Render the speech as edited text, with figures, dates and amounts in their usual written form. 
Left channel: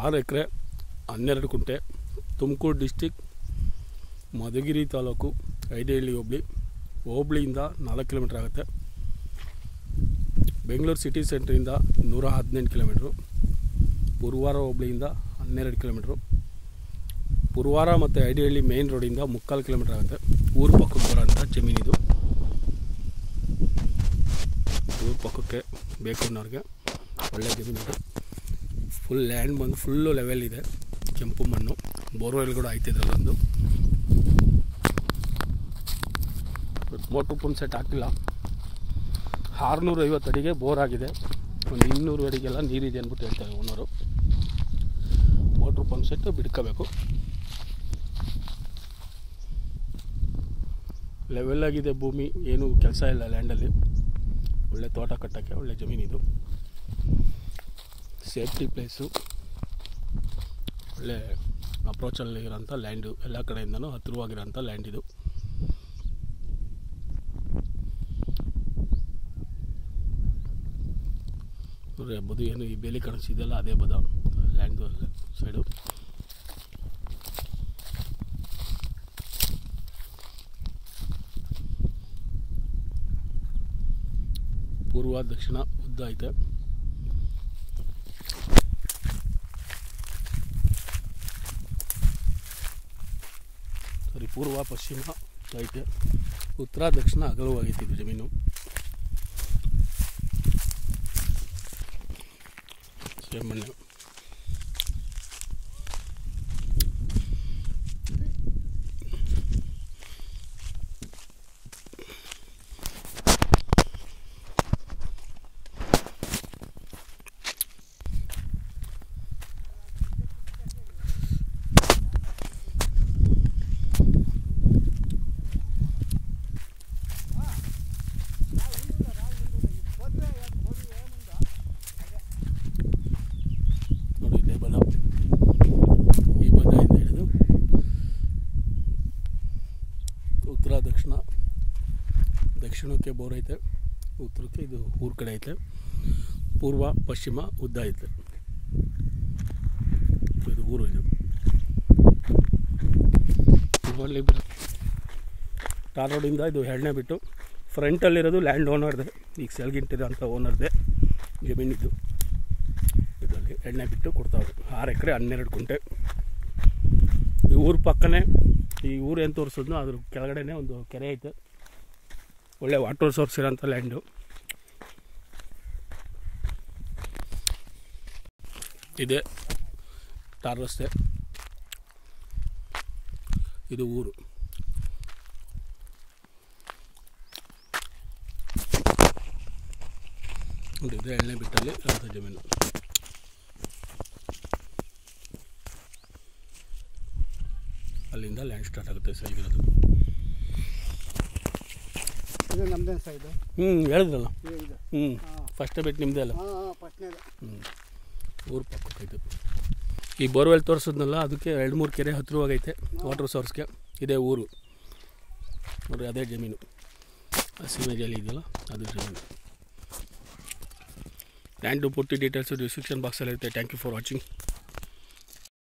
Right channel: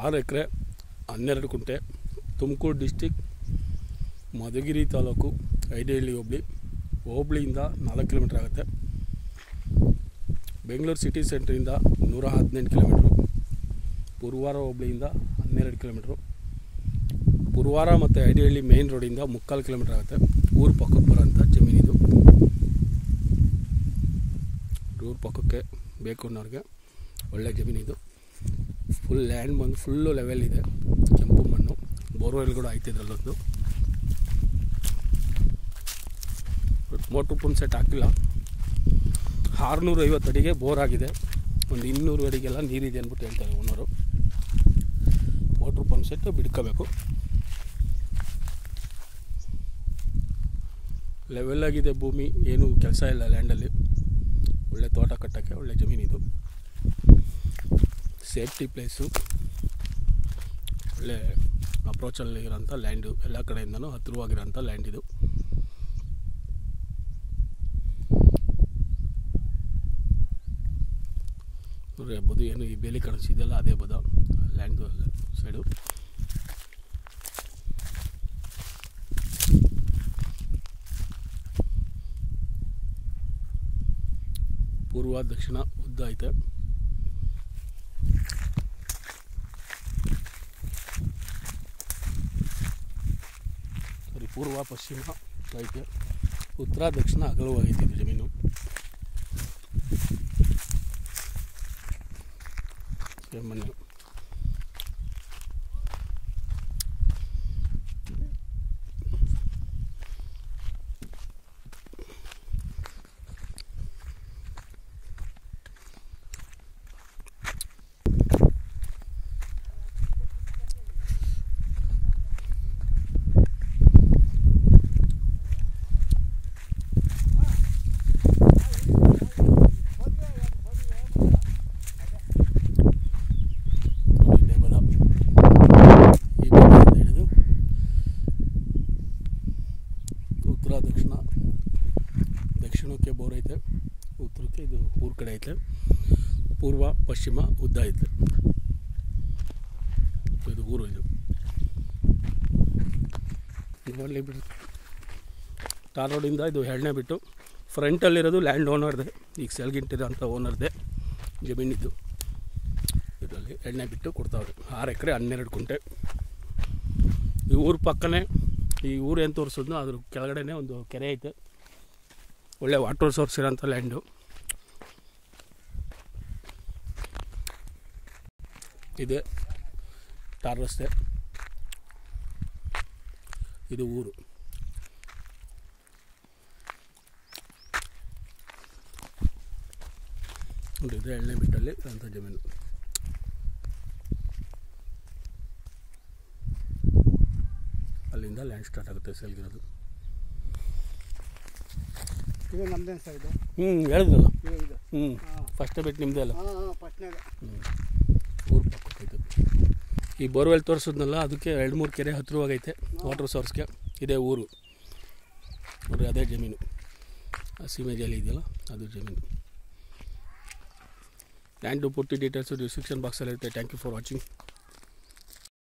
6 ಎಕರೆ 12 ಕುಂಟೆ, Tumakuru district, Madhugiri taluk, Idihalli ಹೋಬಳಿಯಿಂದ 4 kilometre ಆಗುತ್ತೆ. Bengaluru city ಸೆಂಟ್ರಿಂದ 118 kilometre, ಪುರವಾರ ಹೋಬಳಿಯಿಂದ 12 kilometre, ಪುರವಾರ ಮತ್ತು ಐಡಿಹಳ್ಳಿ ಮೇನ್ ರೋಡಿಂದ 3/4 ಕಿಲೋಮೀಟ್ರ್ ಆಗುತ್ತೆ. ಊರು ಪಕ್ಕಕ್ಕೆ ಬರೋಂಥ ಜಮೀನಿದು. ಊರು ಪಕ್ಕಕ್ಕೆ ಬೇಕು ಅನ್ನೋರಿಗೆ ಒಳ್ಳೆ ಜಮೀನಿದು. ಫುಲ್ ಲ್ಯಾಂಡ್ ಬಂದು ಫುಲ್ಲು ಲೆವೆಲ್ ಇದೆ, ಕೆಂಪು ಮಣ್ಣು, ಬೋರ್ವೆಲ್ ಕೂಡ ಆಯ್ತಿದ್ರಲ್ಲೊಂದು. ಮೋಟ್ರು ಪಂಪ್ ಸೆಟ್ ಹಾಕಿಲ್ಲ. 650 ಅಡಿಗೆ ಬೋರ್ ಆಗಿದೆ, ಒಂದು 200 ಅಡಿಗೆಲ್ಲ ನೀರಿದೆ ಅಂದ್ಬಿಟ್ಟು ಹೇಳ್ತಾರೆ ಓನರು. ಮೋಟ್ರು ಪಂಪ್ ಸೆಟ್ ಬಿಡ್ಕೋಬೇಕು. ಲೆವೆಲ್ ಆಗಿದೆ ಭೂಮಿ, ಏನೂ ಕೆಲಸ ಇಲ್ಲ ಲ್ಯಾಂಡಲ್ಲಿ. ಒಳ್ಳೆ ತೋಟ ಕಟ್ಟೋಕ್ಕೆ ಒಳ್ಳೆ ಜಮೀನಿದು. ಸೇಫ್ಟಿ ಪ್ಲೇಸು, ಒಳ್ಳೆ ಅಪ್ರೋಚಲ್ಲಿ ಇರೋಂಥ ಲ್ಯಾಂಡು, ಎಲ್ಲ ಕಡೆಯಿಂದನೂ ಹತ್ತಿರವಾಗಿರೋಂಥ ಲ್ಯಾಂಡ್ ಇದು. ನೋಡ್ರಿ ಬದು ಏನು ಈ ಬೇಲಿ ಕಾಣಿಸಿದೆಯಲ್ಲ ಅದೇ ಬದ ಲ್ಯಾಂಡ್ದು ಸೈಡು. ಪೂರ್ವ ದಕ್ಷಿಣ ಉದ್ದ ಐತೆ. ಪೂರ್ವ ಪಶ್ಚಿಮ ಐತೆ, ಉತ್ತರ ದಕ್ಷಿಣ ಅಗಲವಾಗೈತೆ ಇದು ಜಮೀನು. ಮಣ್ಣು ಉತ್ತರ ದಕ್ಷಿಣಕ್ಕೆ ಬೋರ್ ಐತೆ, ಉತ್ತರಕ್ಕೆ ಇದು ಊರ ಕಡೆ ಐತೆ, ಪೂರ್ವ ಪಶ್ಚಿಮ ಉದ್ದ ಐತೆ. ಇದು ಊರು. ಇದು ಟಾರ್ ರೋಡಿಂದ ಇದು 2ನೇ ಬಿಟ್ಟು ಫ್ರಂಟಲ್ಲಿರೋದು ಲ್ಯಾಂಡ್ ಓನರ್ದೆ, ಈಗ ಸೆಲ್ಗಿಂಟಿರೋ ಅಂಥ ಓನರ್ದೆ ಜಮೀನಿದ್ದು. ಇದರಲ್ಲಿ 2ನೇ ಬಿಟ್ಟು ಕೊಡ್ತಾವ್ರೆ. 6 ಎಕರೆ 12 ಕುಂಟೆ. ಈ ಊರ ಪಕ್ಕನೇ, ಈ ಊರು ಏನು ತೋರಿಸಿದ್ನೋ ಅದ್ರ ಕೆಳಗಡೆನೇ ಒಂದು ಕೆರೆ ಐತೆ, ಒಳ್ಳೆ ವಾಟರ್ ಸೋರ್ಸ್ ಇರೋಂಥ ಲ್ಯಾಂಡು. ಇದೆ ಟಾರ್ ರಸ್ತೆ, ಇದು ಊರು. ನೋಡಿ ಇದು 2ನೇ ಬಿಟ್ಟಲ್ಲಿ ಇರೋಂಥ ಜಮೀನು. ಅಲ್ಲಿಂದ ಲ್ಯಾಂಡ್ ಸ್ಟಾರ್ಟ್ ಆಗುತ್ತೆ ಸೈಗಿರೋದು. ಹೇಳಿದ್ರಲ್ಲ, ಫಸ್ಟೇ ಬಿಟ್ಟು ನಿಮ್ಮದೇ ಅಲ್ಲ. ಊರು ಪಕ್ಕೈತೆ. ಈ ಬೋರ್ವೆಲ್ ತೋರಿಸಿದ್ನಲ್ಲ ಅದಕ್ಕೆ 2-3 ಕೆರೆ ಹತ್ತಿರವಾಗೈತೆ ವಾಟರ್ ಸೋರ್ಸ್ಗೆ. ಇದೇ ಊರು ನೋಡಿರಿ, ಅದೇ ಜಮೀನು. ಹಸಿಮೇಜಲ್ಲಿ ಇದೆಯಲ್ಲ ಅದು ಜಮೀನು. ಲ್ಯಾಂಡು ಪೂರ್ತಿ ಡೀಟೇಲ್ಸು ಡಿಸ್ಕ್ರಿಪ್ಷನ್ ಬಾಕ್ಸಲ್ಲಿ ಇರುತ್ತೆ. Thank you for watching.